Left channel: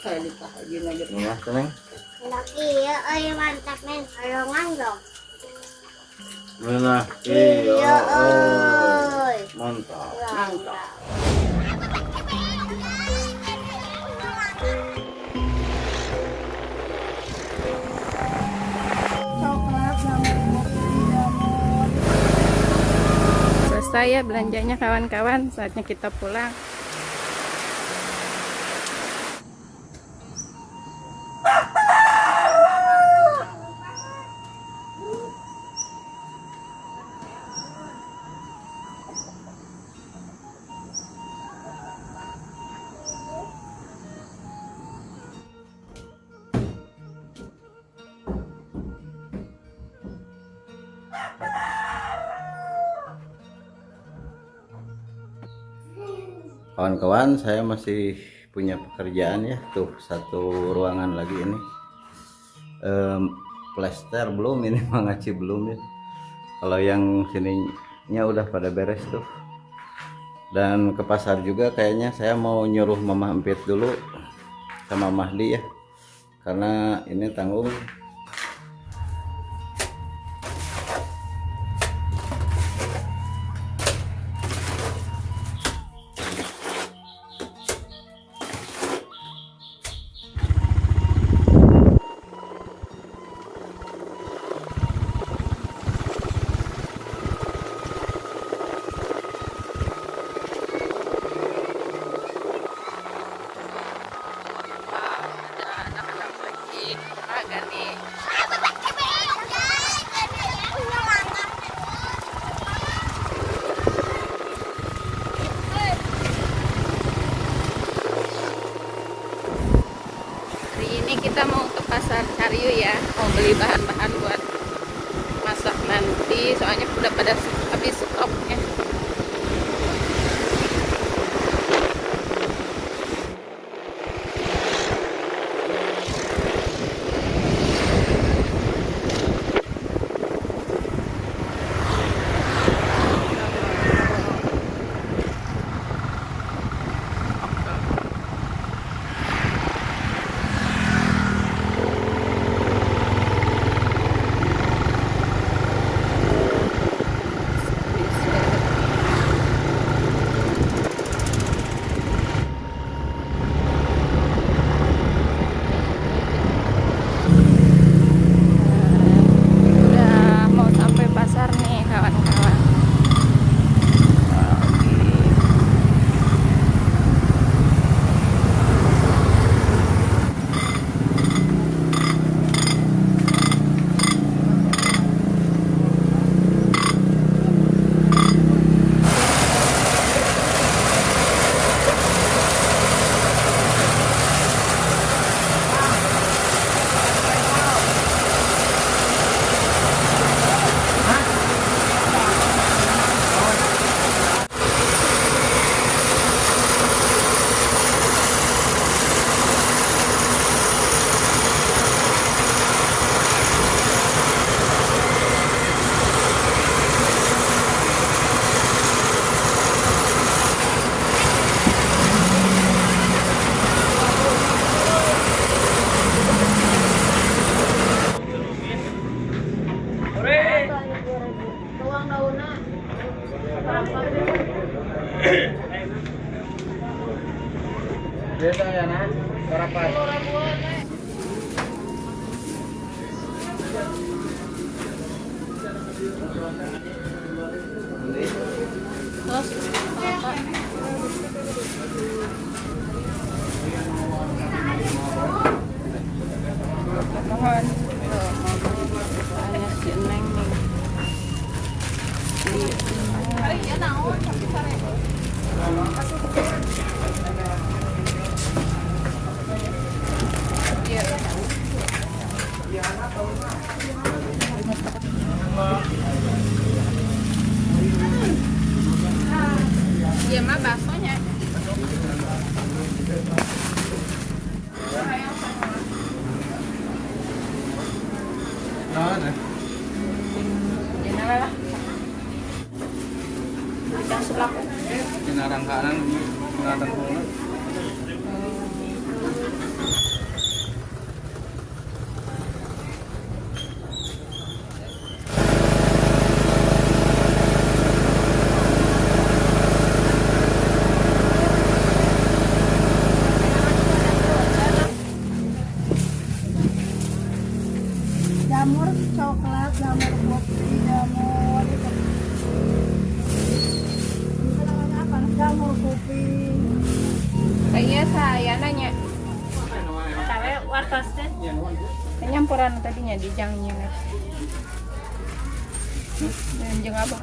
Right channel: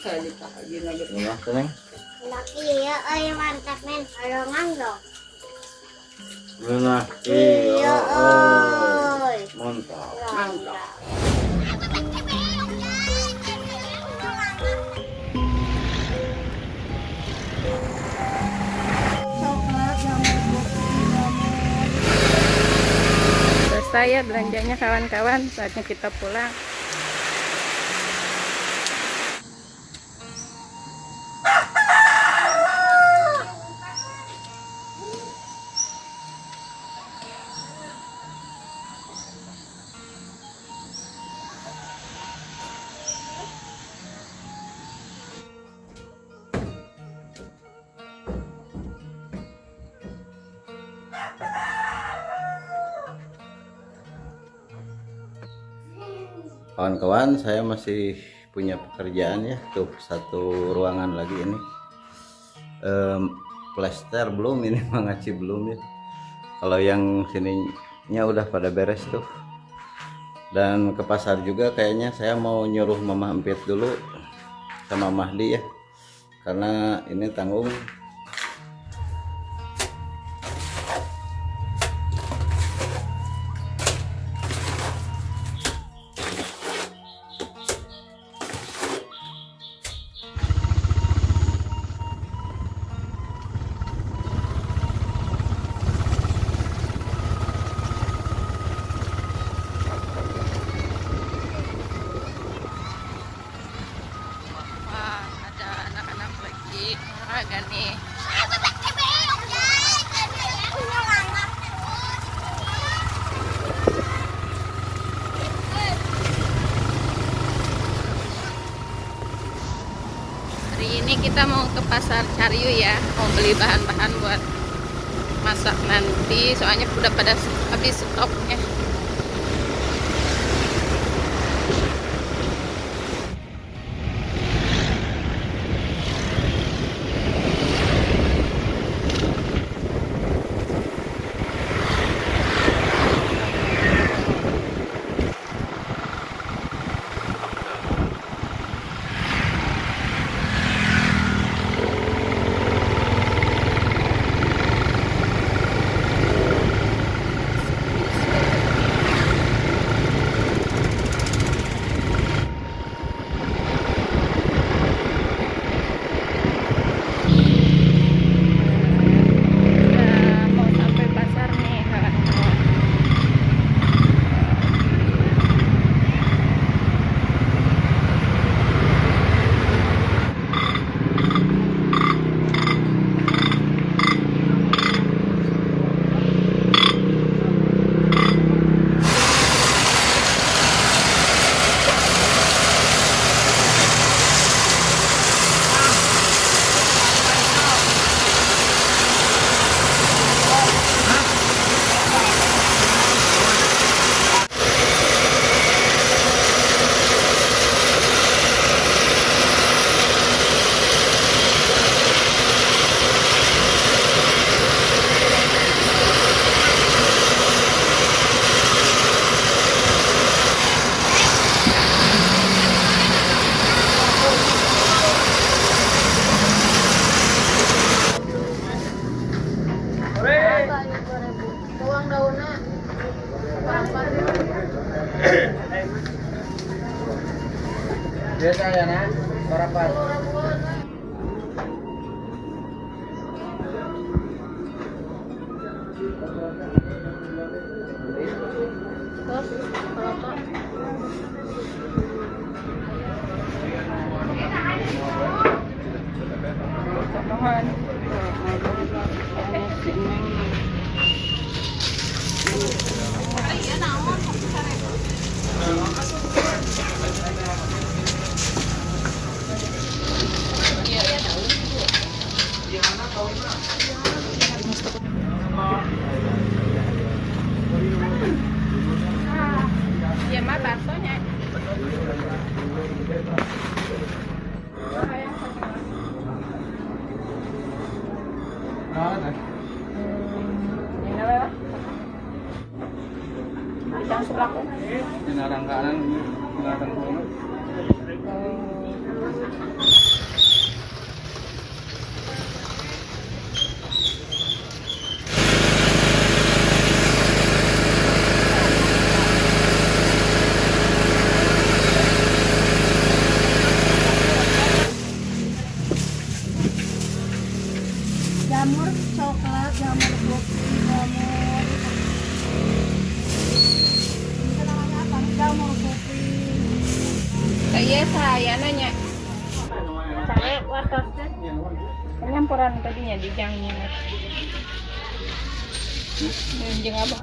Saya dikaji lagi. Gimana seneng? Laki ya, mantap men, kalongan dong. Mana? Iya, Mantap. mantap. Selesai ya belanjanya kawan-kawan, saatnya kita pulang. Kawan-kawan, saya masih punya pekerjaan ya. Tuh satu ruangan lagi ini. Plester belum, ini mengaci belum ya. Kalau yang sininya udah pada beres tuh. Dan ke pasar juga kayaknya saya mau nyuruh Mama Empit dulu sama Mahdi ya. Karena ini tanggung. Hari ini kita mau ke pasar Cariu ya, mau beli bahan-bahan buat masak nanti, soalnya udah pada habis stoknya. Udah mau sampai pasar nih kawan-kawan. Tuang daunnya. Biasa ya nak, berapa? Mohon. Tanya si Neng nih. Ya mah baksonya. Yang sebelah Pinarang kanan, pinarang kanan. jamur kopi, jamur itu namanya apa? Jamur kopi. Iya saya nanya. Saya wartasnya. Penyampuran tadinya di jangnya. Jeng apa?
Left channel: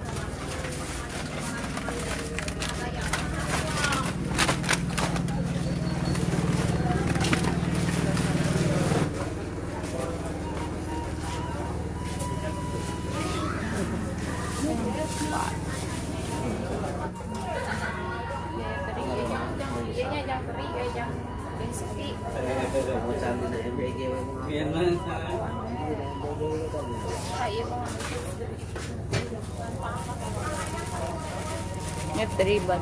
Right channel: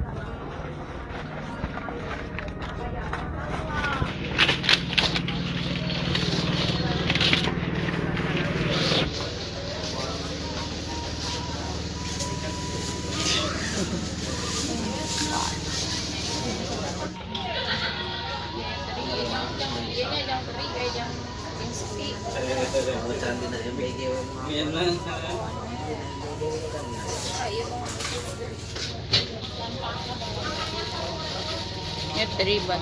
Ini terlibat.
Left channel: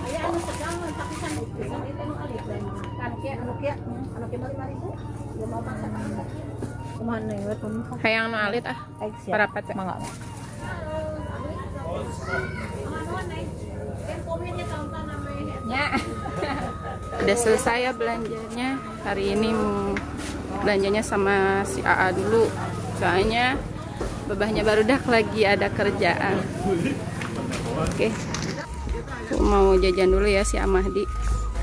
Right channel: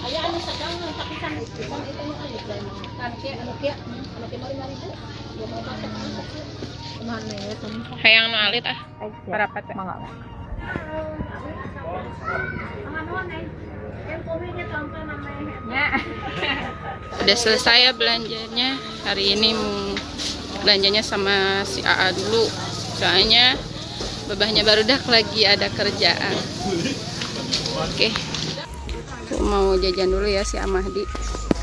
Anu sedang takisan itu nu alit lain. Anu kia mari itu. Ya mau pakai apa? Kumahan nih ya teman. Hayang nu alit ah. Berapa teh? Mangga. Ya. Udah selesai ya belanjanya. Hari ini mau belanjanya sama si AA dulu. Soalnya babahnya barudak lagi ada kerjaan. Oke. Aku mau jajan dulu ya si Amahdi.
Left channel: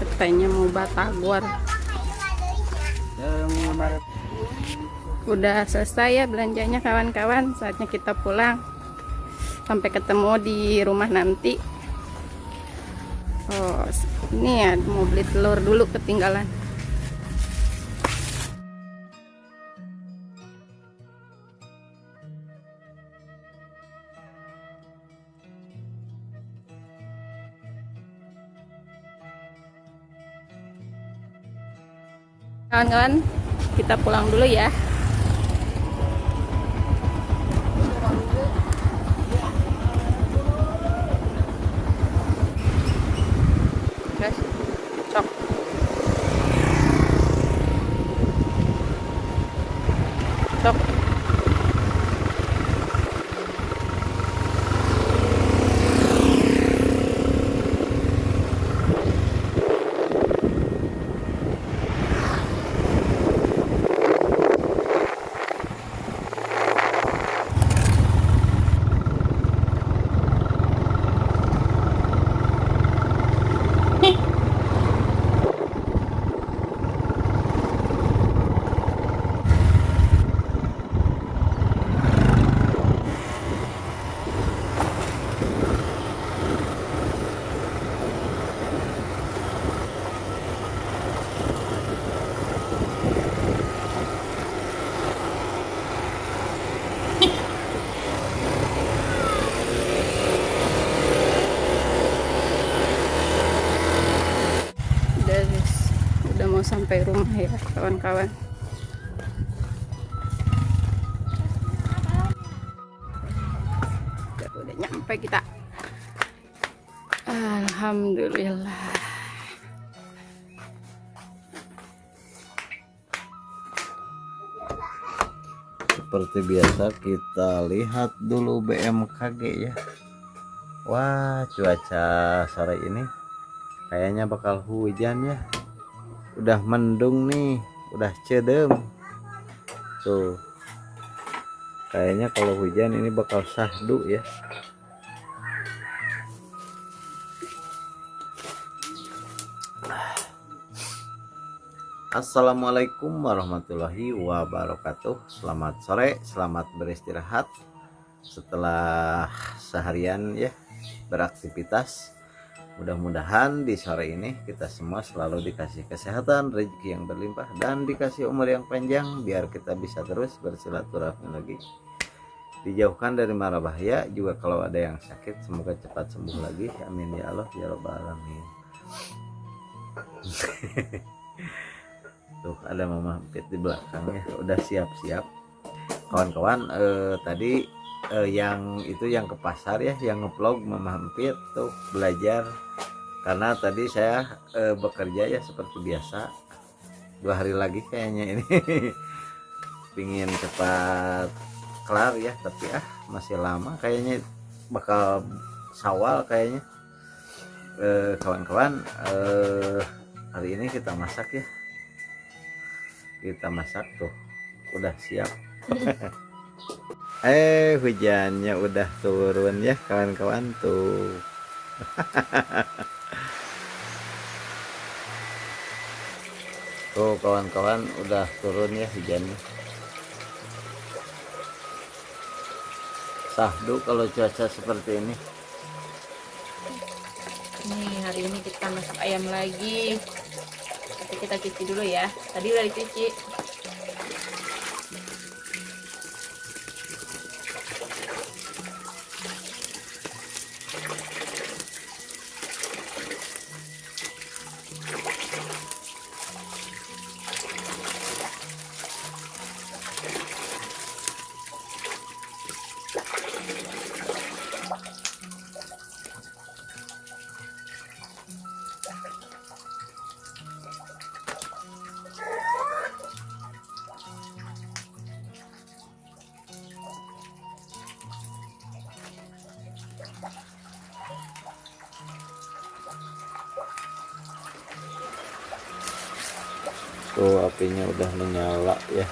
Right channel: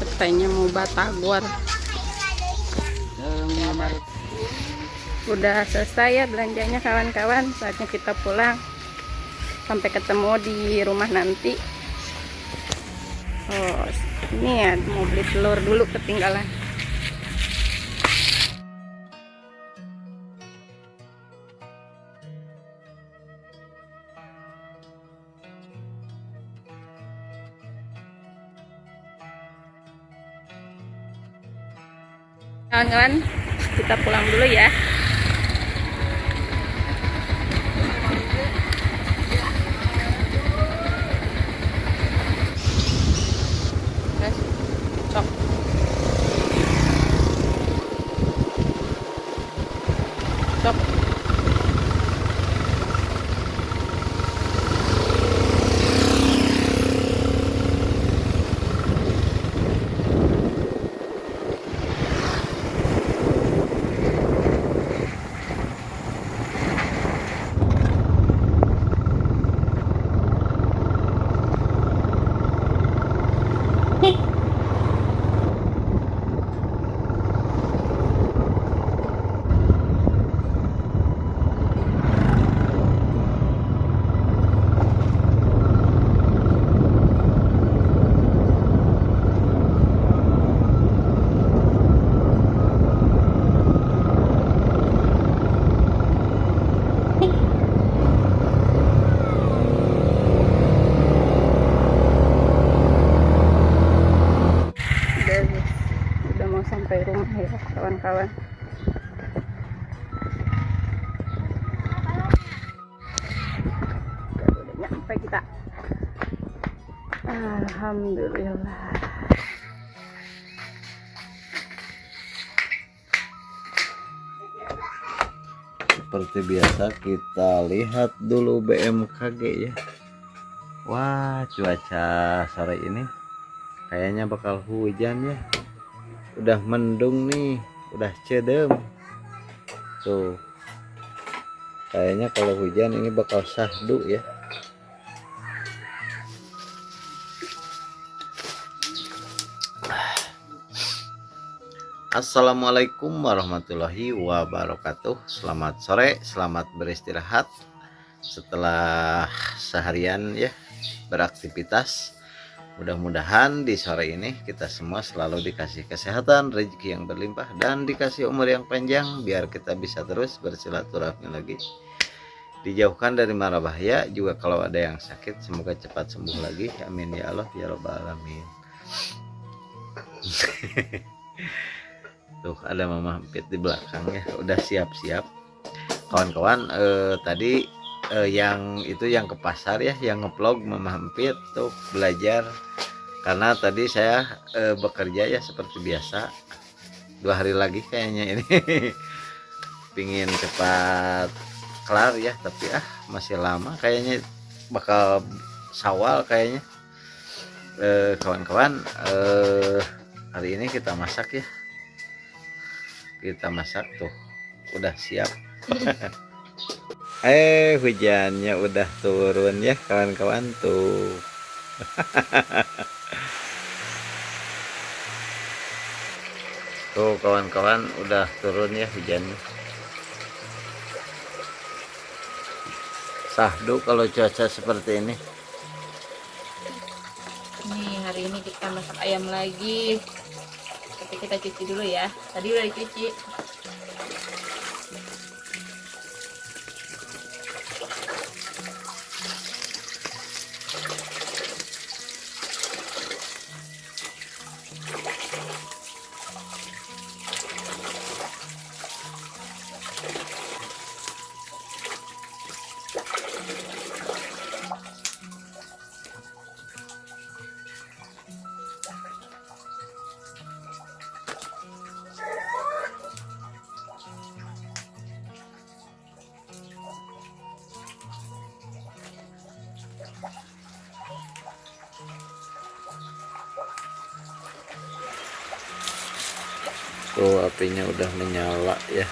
Katanya mau batagor. Udah selesai ya belanjanya kawan-kawan. Saatnya kita pulang. Sampai ketemu di rumah nanti. Oh, ini ya mau beli telur dulu ketinggalan. Kawan-kawan, kita pulang dulu ya. Sok. Sok. Udah mau sampai rumah ya kawan-kawan. Udah nyampe kita. Alhamdulillah. Seperti biasa kita lihat dulu BMKG ya. Wah, cuaca sore ini kayaknya bakal hujan ya. Udah mendung nih, udah cedem. Tuh. Kayaknya kalau hujan ini bakal syahdu ya. Assalamualaikum warahmatullahi wabarakatuh. Selamat sore, selamat beristirahat setelah seharian ya beraktivitas. Mudah-mudahan di sore ini kita semua selalu dikasih kesehatan, rezeki yang berlimpah, dan dikasih umur yang panjang biar kita bisa terus bersilaturahmi lagi. Dijauhkan dari mara bahaya, juga kalau ada yang sakit semoga cepat sembuh lagi. Amin ya Allah ya rabbal alamin. Tuh ada Mama Empit di belakang ya, udah siap-siap. Kawan-kawan, tadi yang itu yang ke pasar ya, yang ngevlog Mama Empit tuh belajar, karena tadi saya bekerja ya seperti biasa. 2 hari lagi kayaknya ini pingin cepat kelar ya, tapi masih lama kayaknya, bakal Syawal kayaknya. Kawan-kawan, hari ini kita masak ya. Kita masak tuh udah siap. Hujannya udah turun ya kawan-kawan tuh. Tuh kawan-kawan udah turun ya hujannya. Sahdu kalau cuaca seperti ini. Nih hari ini kita masak ayam lagi. Tapi kita cuci dulu ya. Tadi udah dicuci. Tuh apinya udah menyala ya.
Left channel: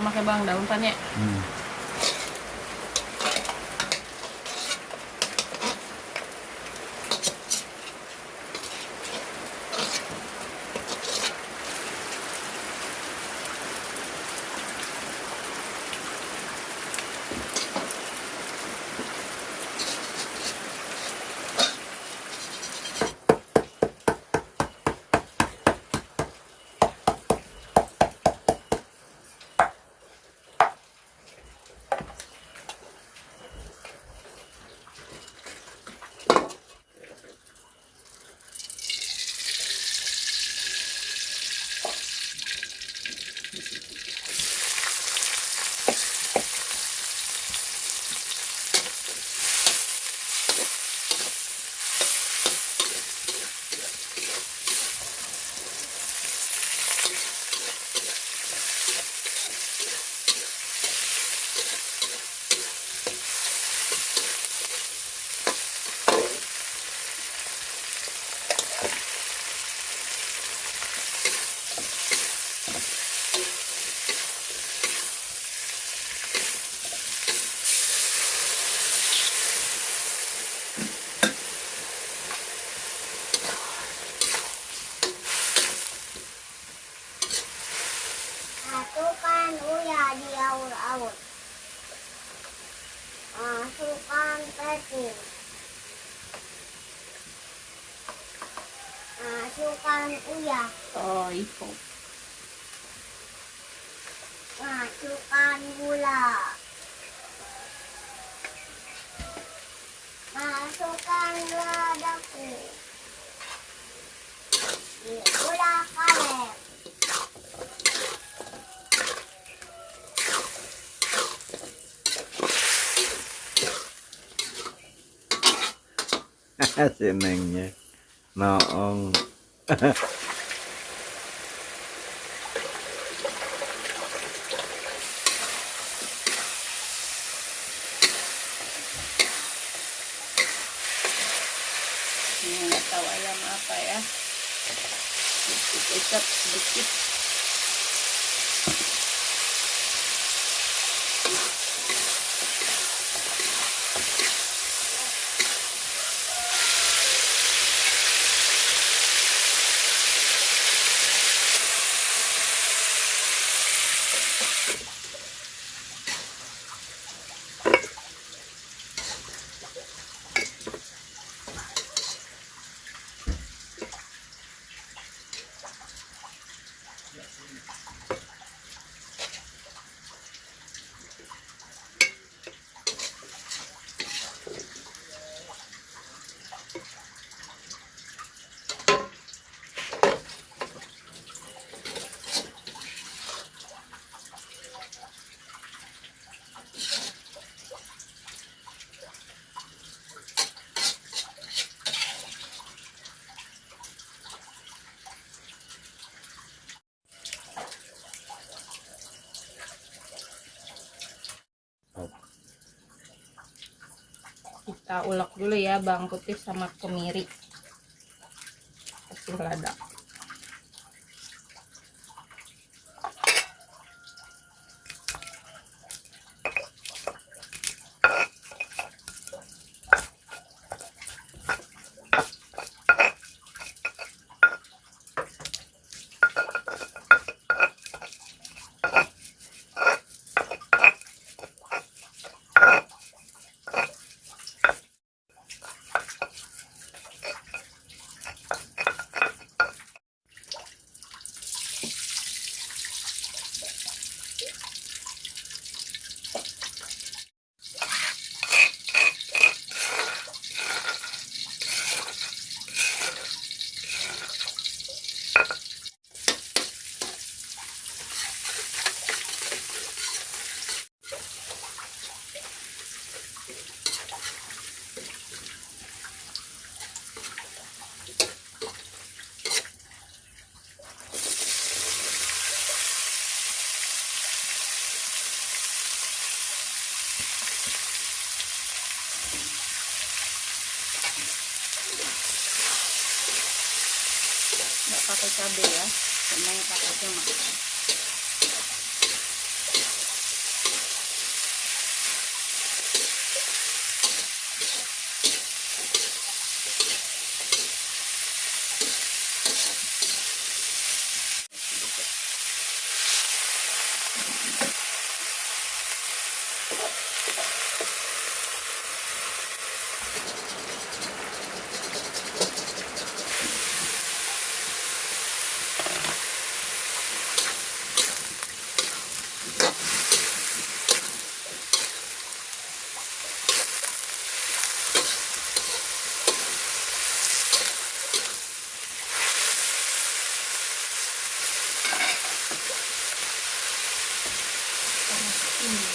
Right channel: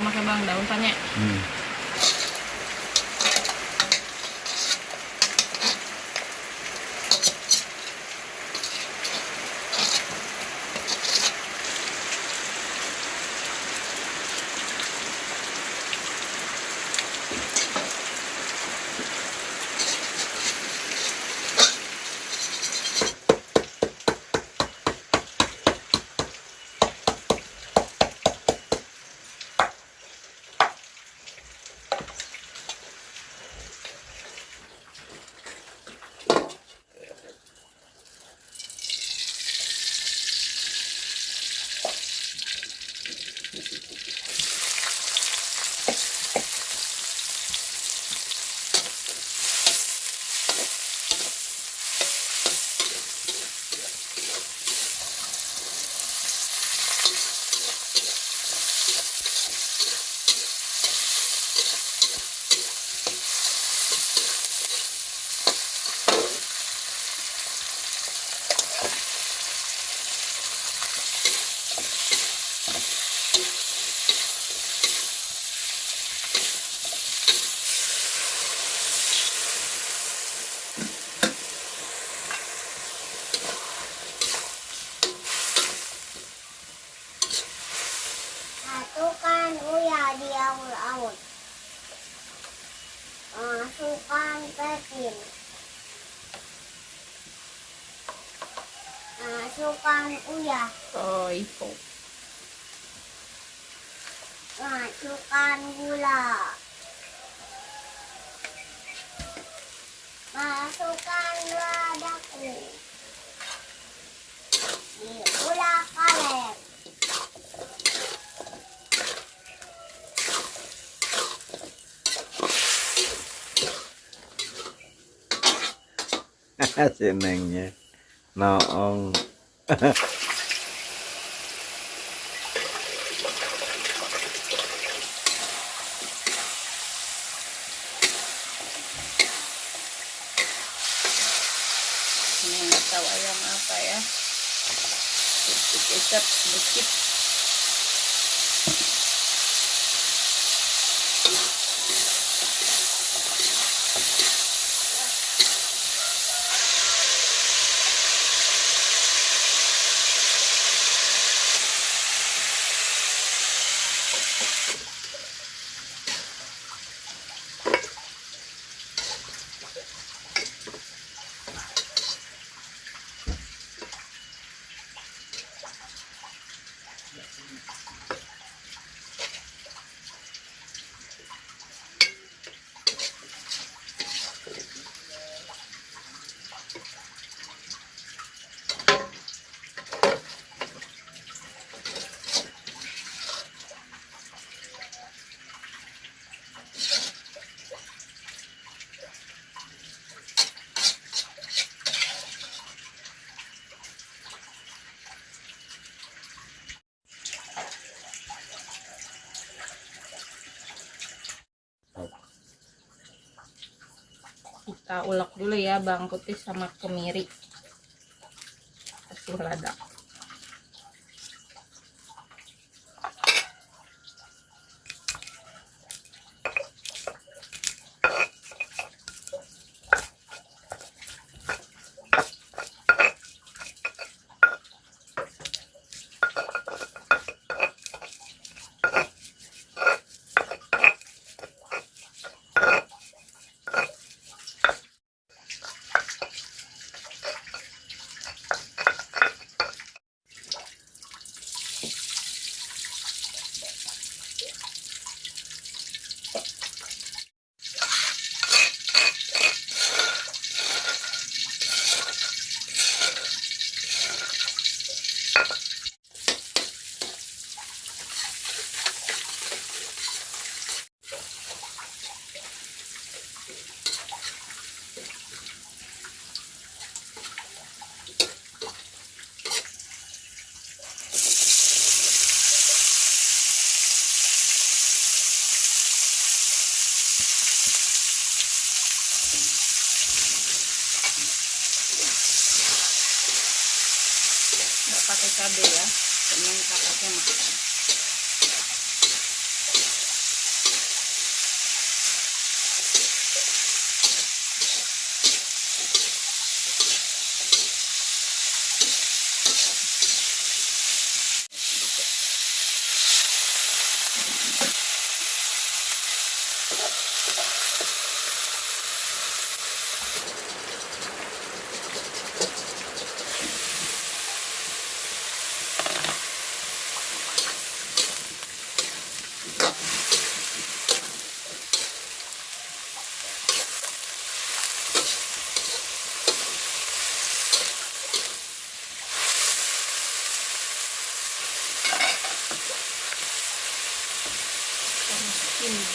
pakai bawang daun kan ya. Masukkan uya diaul-aul. Masukkan pecin. Masukkan uya. Oh, itu. Masukkan gula. Masukkan lada kering. Gula karet. Senengnya noong. Ini nggak tahu ayam apa ya. Kecap sedikit. Kita ulek dulu ya bawang putih sama kemiri. Kasih lada. Nggak pakai cabai ya, cuman pakainya makan.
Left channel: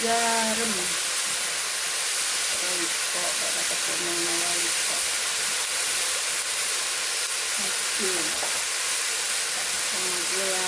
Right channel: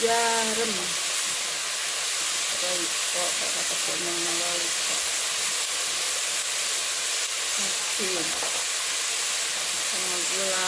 jarum. Royco, dapat komen ng Royco. Asin. Sama gula.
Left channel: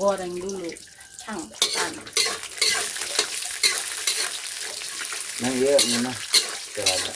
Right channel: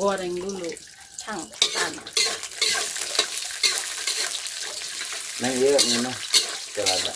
Goreng dulu cangkang. Nah iya ini mah celana.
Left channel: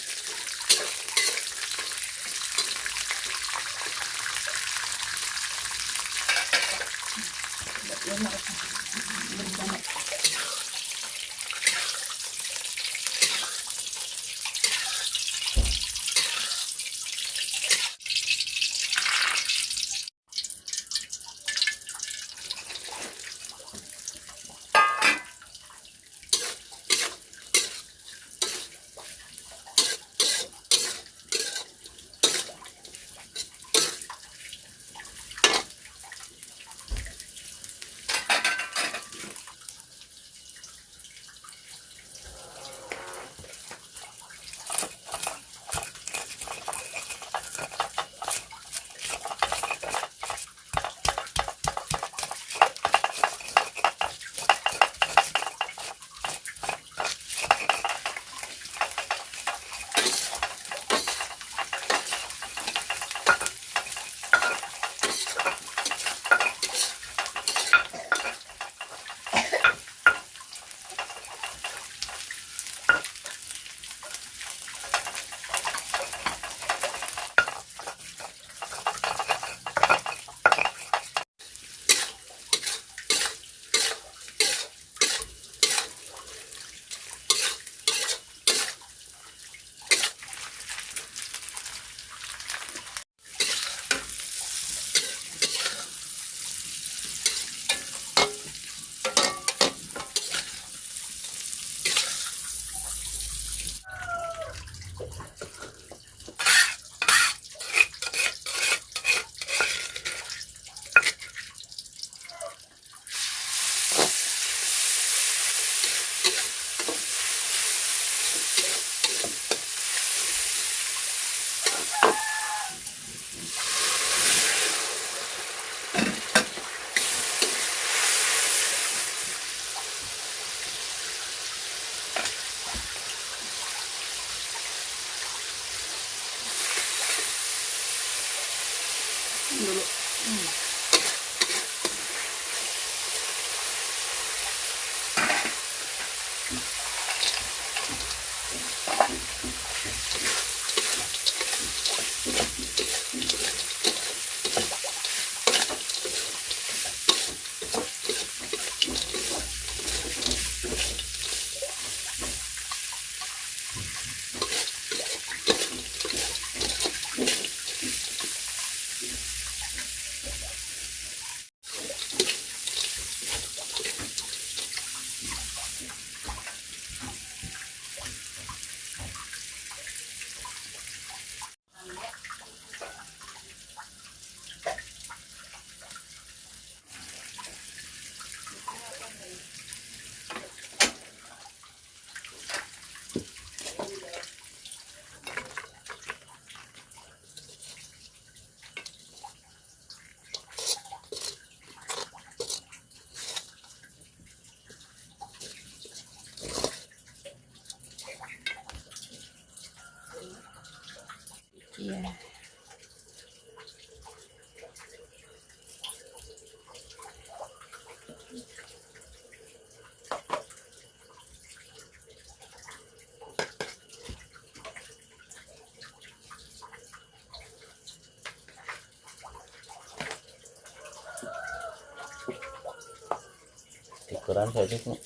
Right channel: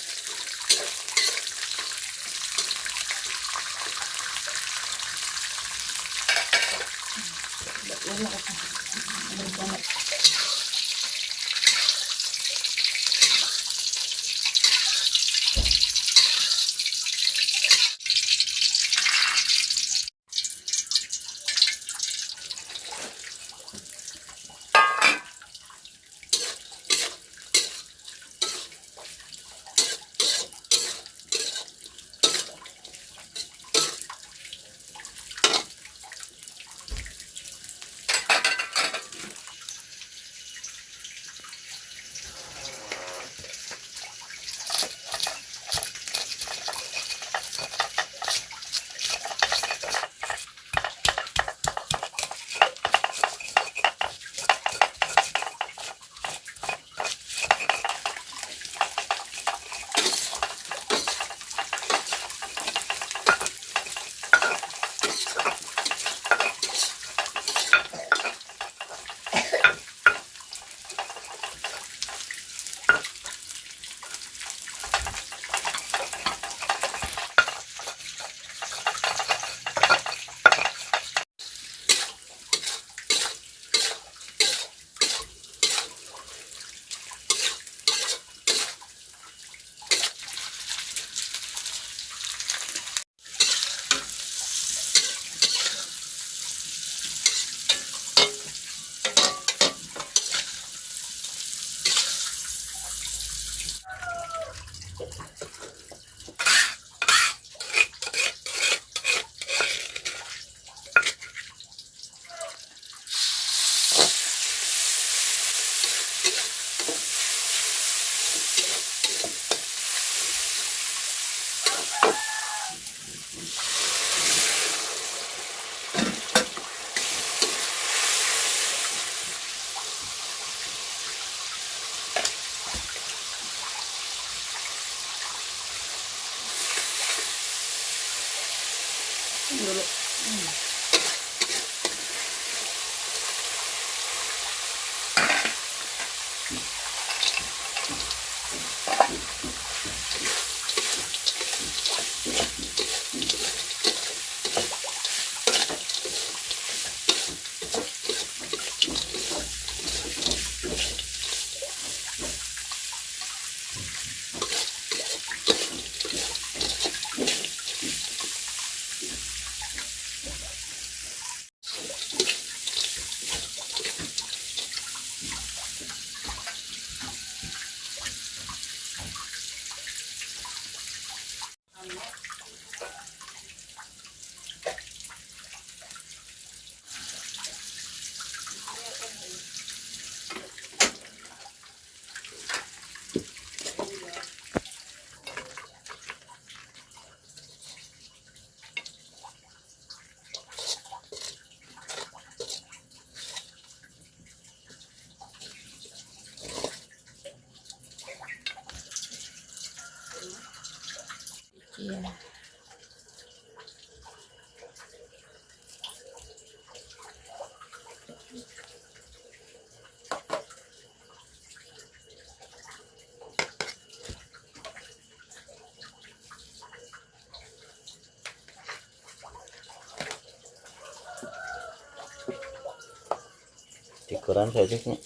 ukuran saya ini.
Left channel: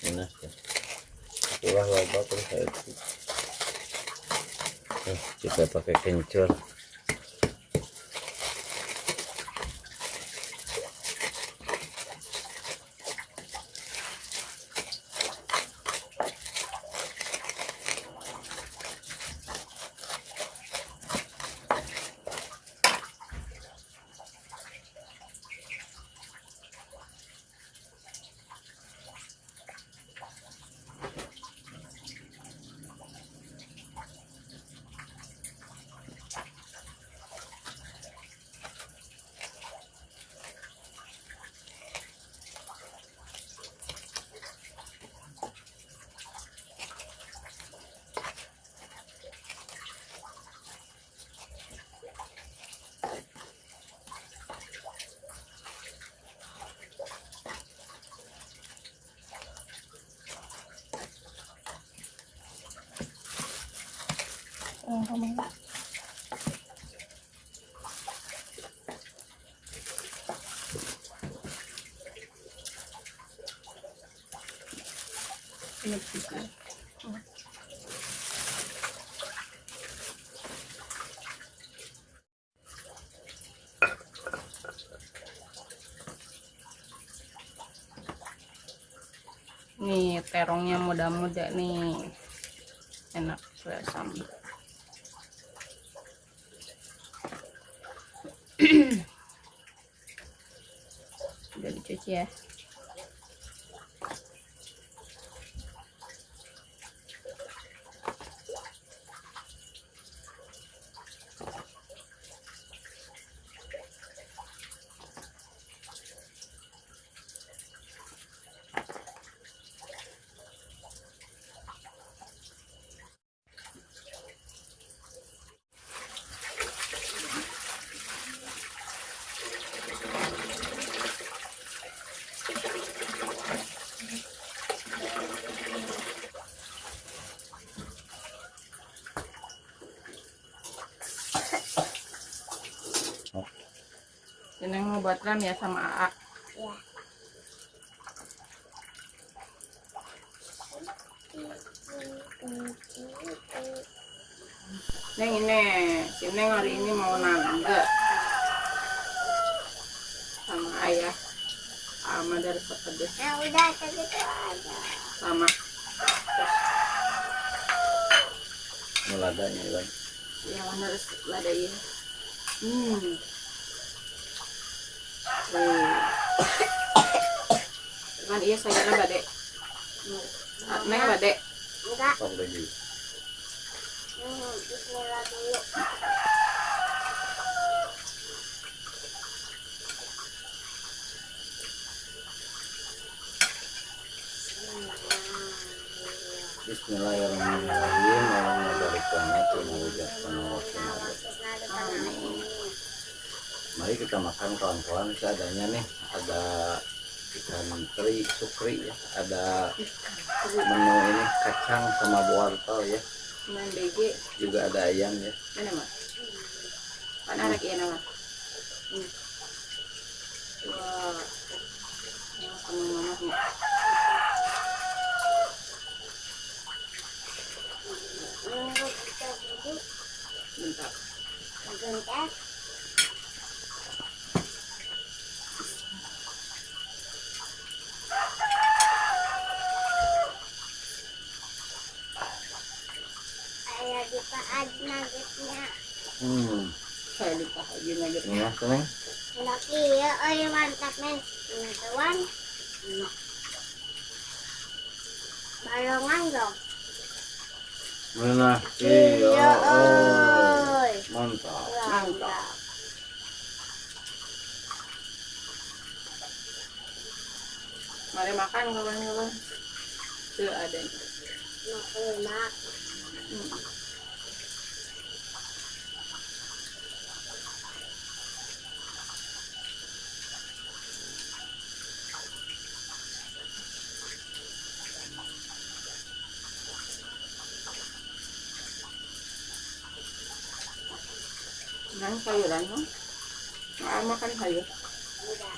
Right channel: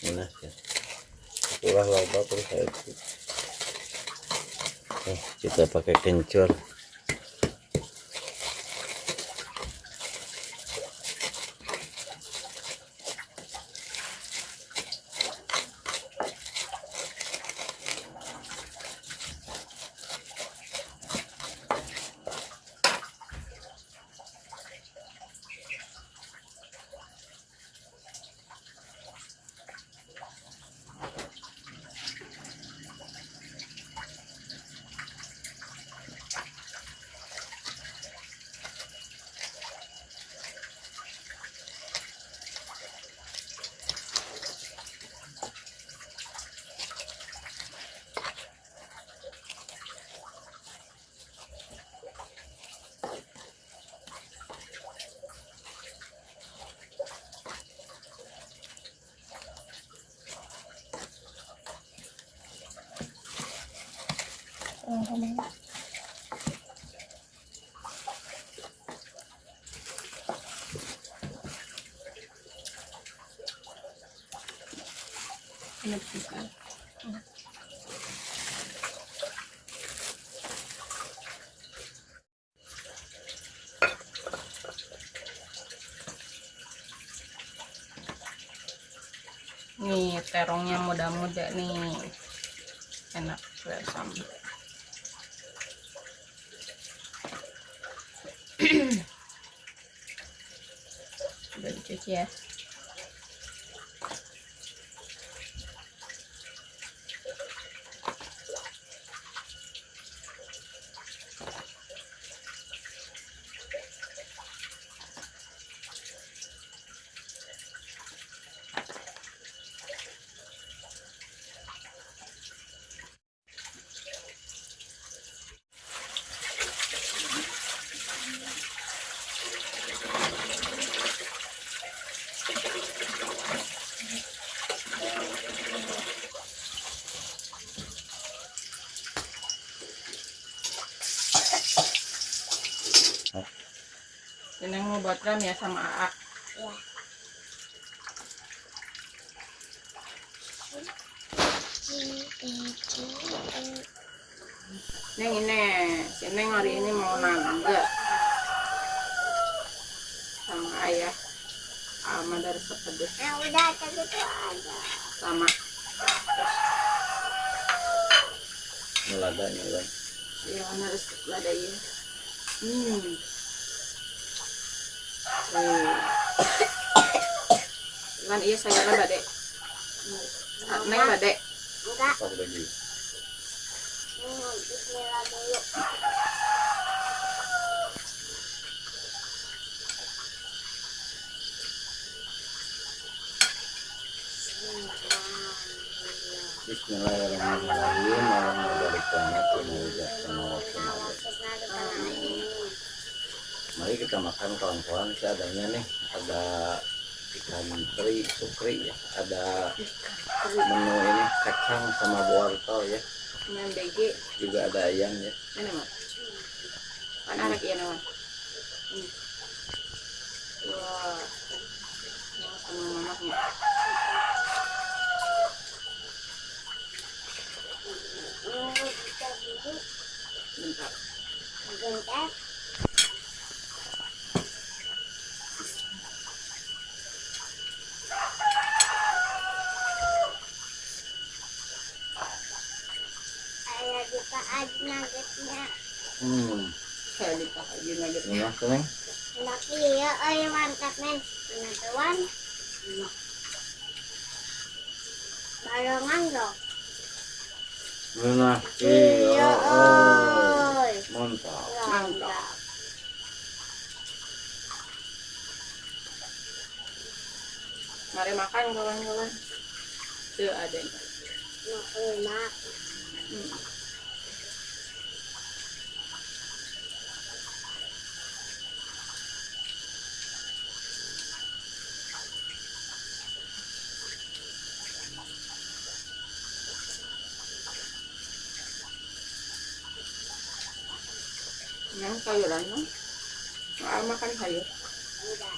Ini ya. Itulah loba terus saya itu. Kita pakai kencur. Nih terongnya muda-muda nih, enak bersam. Udah dicuci ya. Ini mau buat ram ya sama AA. Ya. Neng ini, si Neng hari ini mau nangga sama ayah. Sama dari sepedes Udah tadi tuh ada. sama. Melada nyulan. Yang harus ladain. Kan iya saya badek. Neng badek. Enggak. Pak lagi. Bismillah dulu. Bismillahirrahmanirrahim. Allahumma barik lana fi ma razaqtana wa qina Mari kita makan kawan-kawan. Seadanya nih ada ikan teri sukri ya, ada menu ini kacang sama wortel ya, Neng BG. juga ada ayam ya. Mana mas? Kan anak iya nama. Wah, sama mama nih. Kita duduk. Bentar. Bentar. Saya dipakai nuggetnya. Saya dipakai nugget. Ini ya, Neng. Laki ya, mantap men. Penentuan. Barongan dong. Mana? Iya, oi. Mantap. Mantap. Mari makan kawan-kawan. Tuh ada. Makan. Nang sayuran no? Makan sayur. Udah.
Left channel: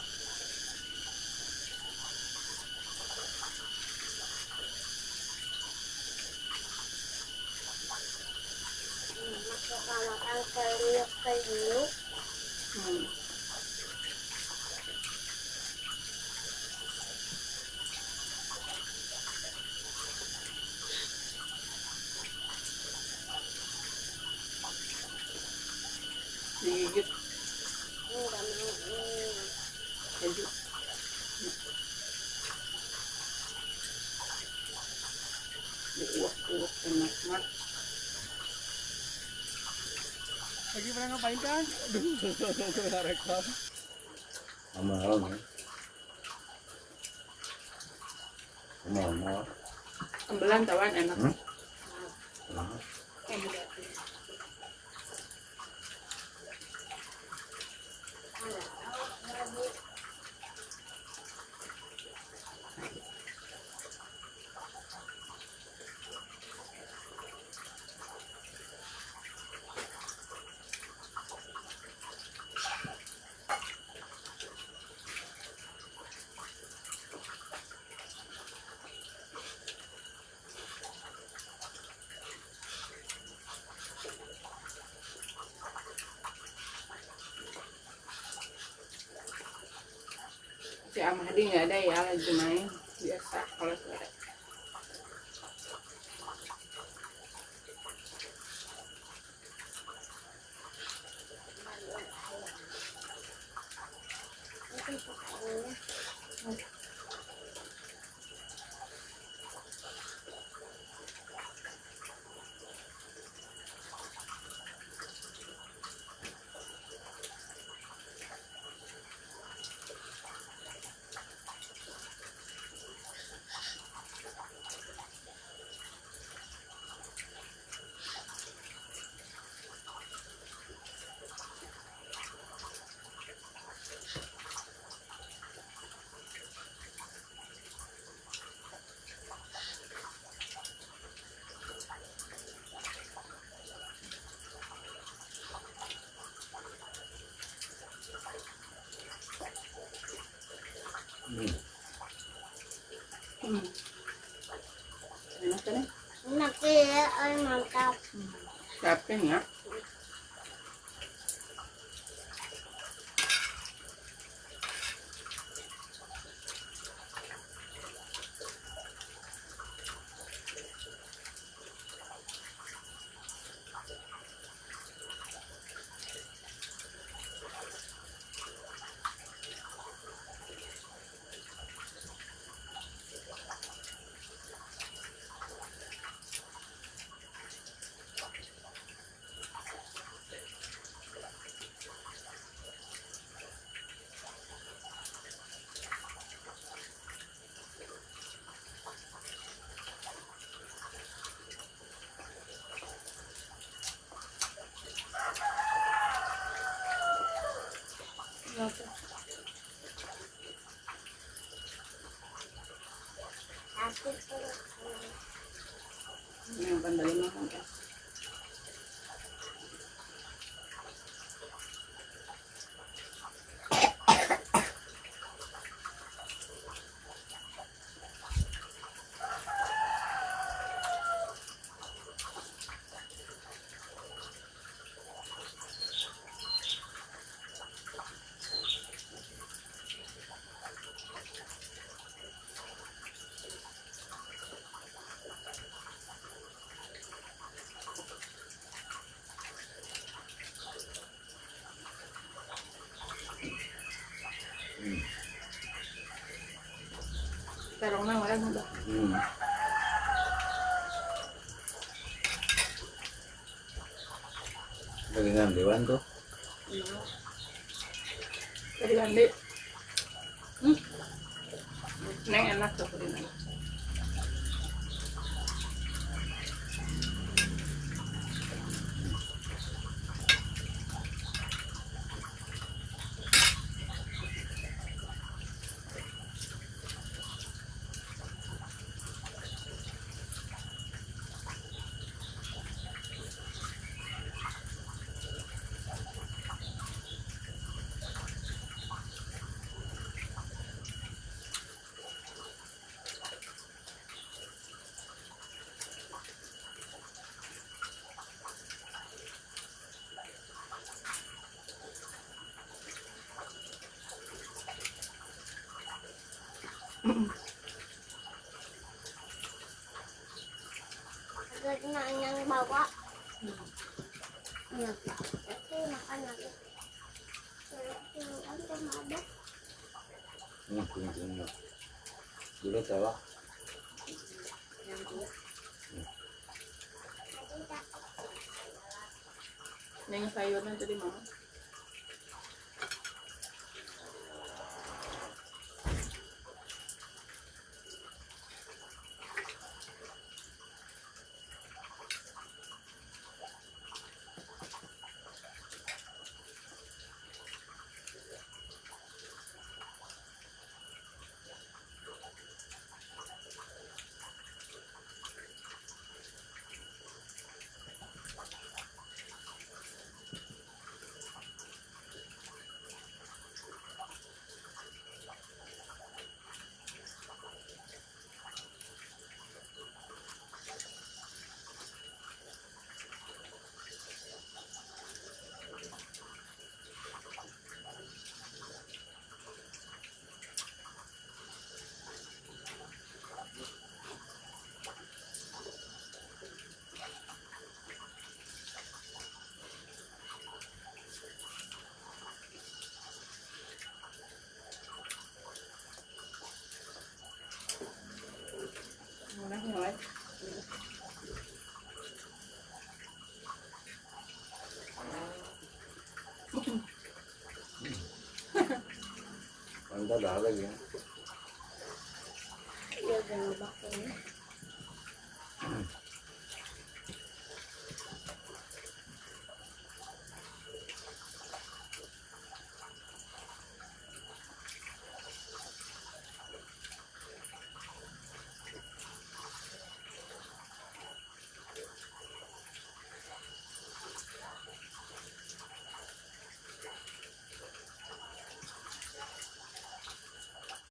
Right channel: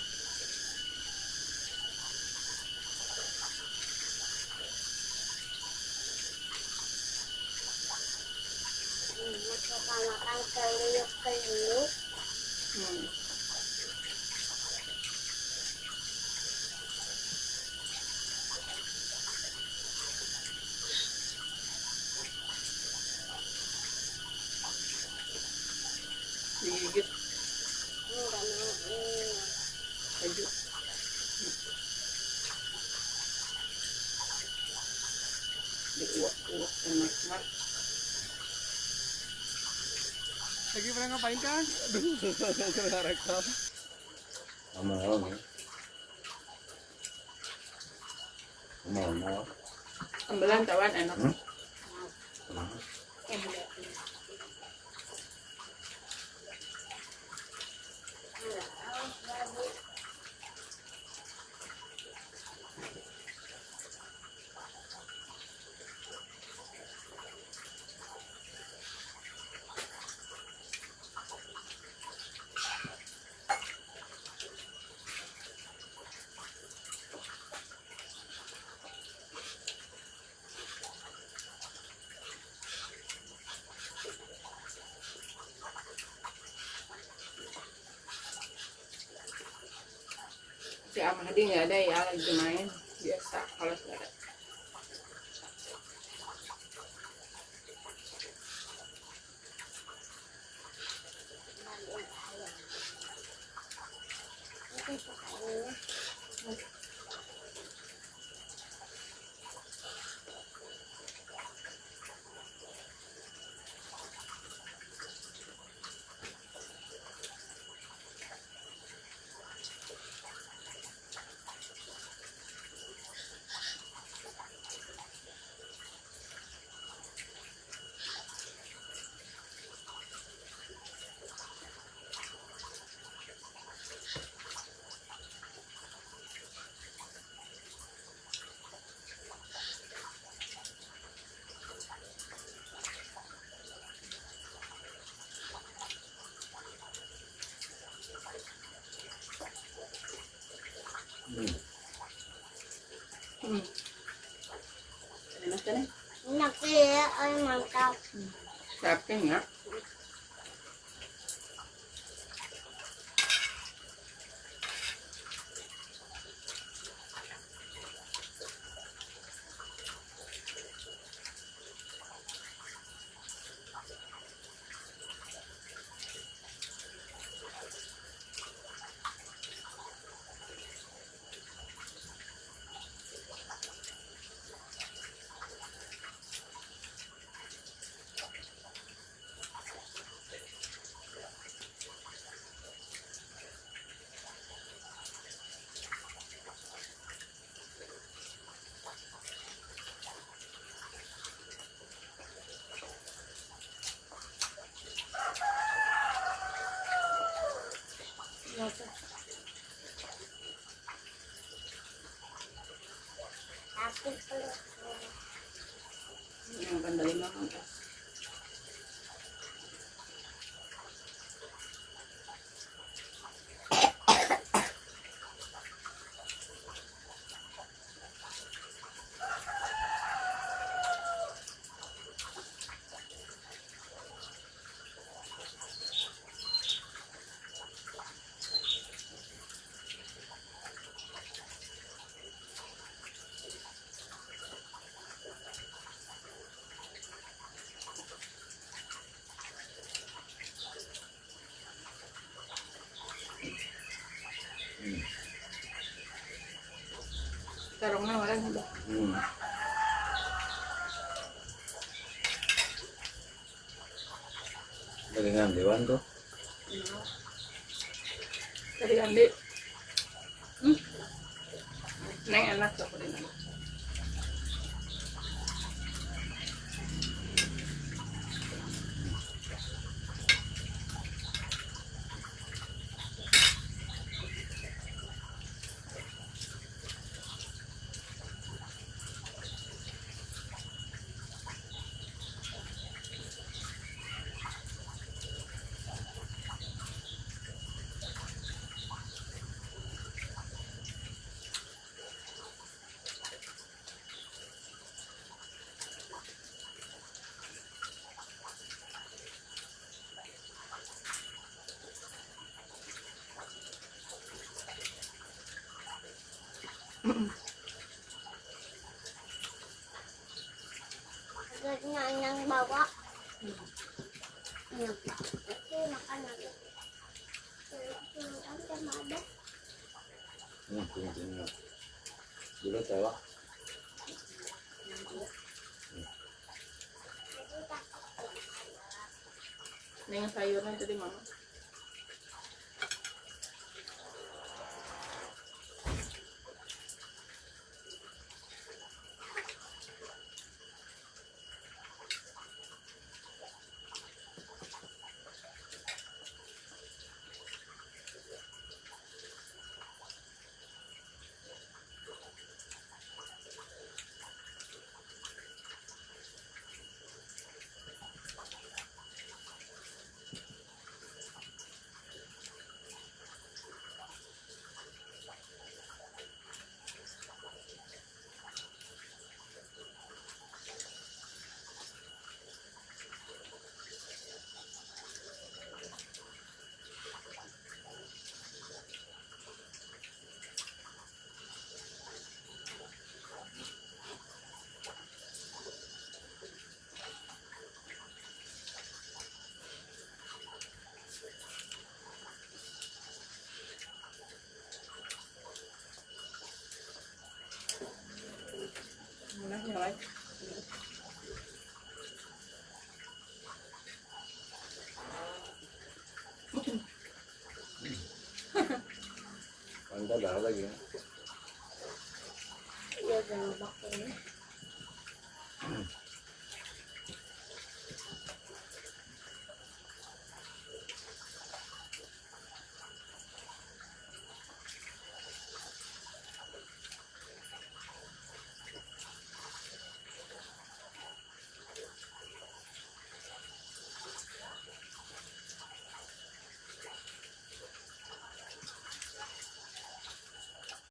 yang keliuk-keliuk. Hmm. Digigit Enggak mau ini. baju. Diuak-uak enak-enak. Lagi pada ngapain kan? Aduh, kena rekam. Amal nih. Amal. Ambelan tawan enak. Hmm? Si Amadi nggak ada ya, lagi main biasa kalau ada. Itu sukanya. Enak kan? Enak ya, mantap. Siapin ya. Tapi kalau Yang pandai makan. Tarongnya orang udah. Dengan Dewan tuh. Dari Andi. Neng enak tuh kuliner. Agad na nang bawa. Ano pa? Kasi makan lagi. Pero ang tamada. Tingnan. Dulu tewa. Na yung sayur na ito di mama. Muna, nyalay. Anda dah lagi ya. Iya, jangan bakar.